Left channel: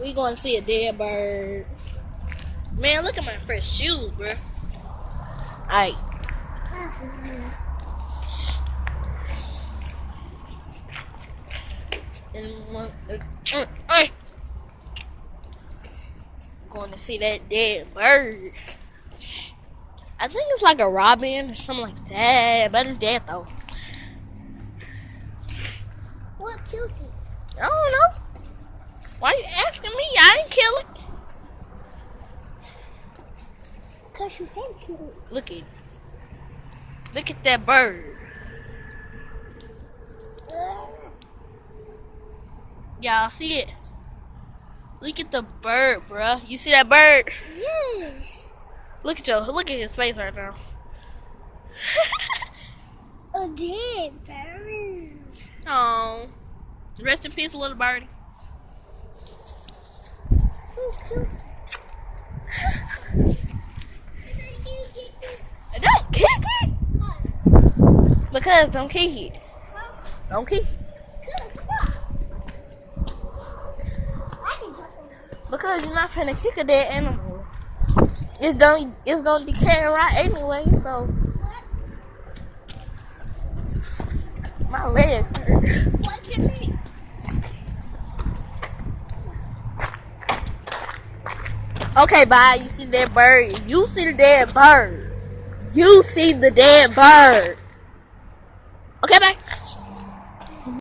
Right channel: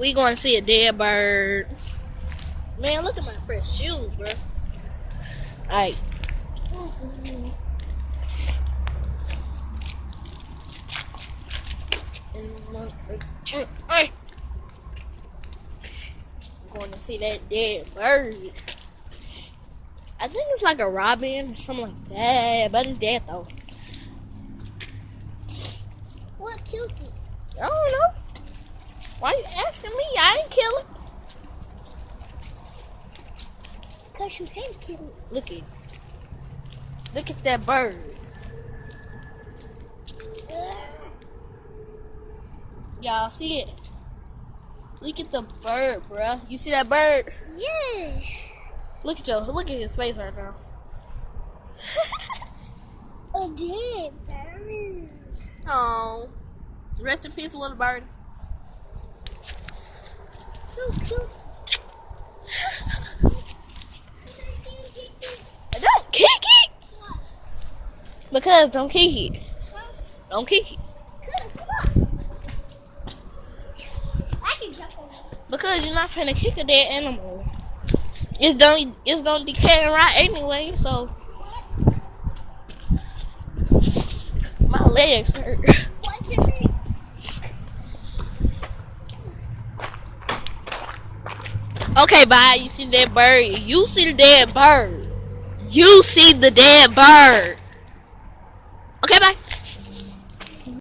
We going to see a dead bird. Man, look at my fresh shoes, bro. Alright. Going to see that dead bird. I think it's like a robin or something like that, but it's dead though. What killed it? I don't know. Why are you asking me? I ain't kill it. Because you can kill it. Look at that bird. Y'all see it? Look at the bird, bruh. You see that bird? Yes. Look at his face right now. A dead bird. Oh, rest in peace, little birdie. Cute. Don't kick it. Because don't kick it. Don't kick it. I can jump on it. Because you're not finna kick a dead animal. It's gonna decay and rot anyway, so my legs hurt. What is it? Okay, bye. You see that bird? You see the dead bird. You see the dead bird. Okay, bye.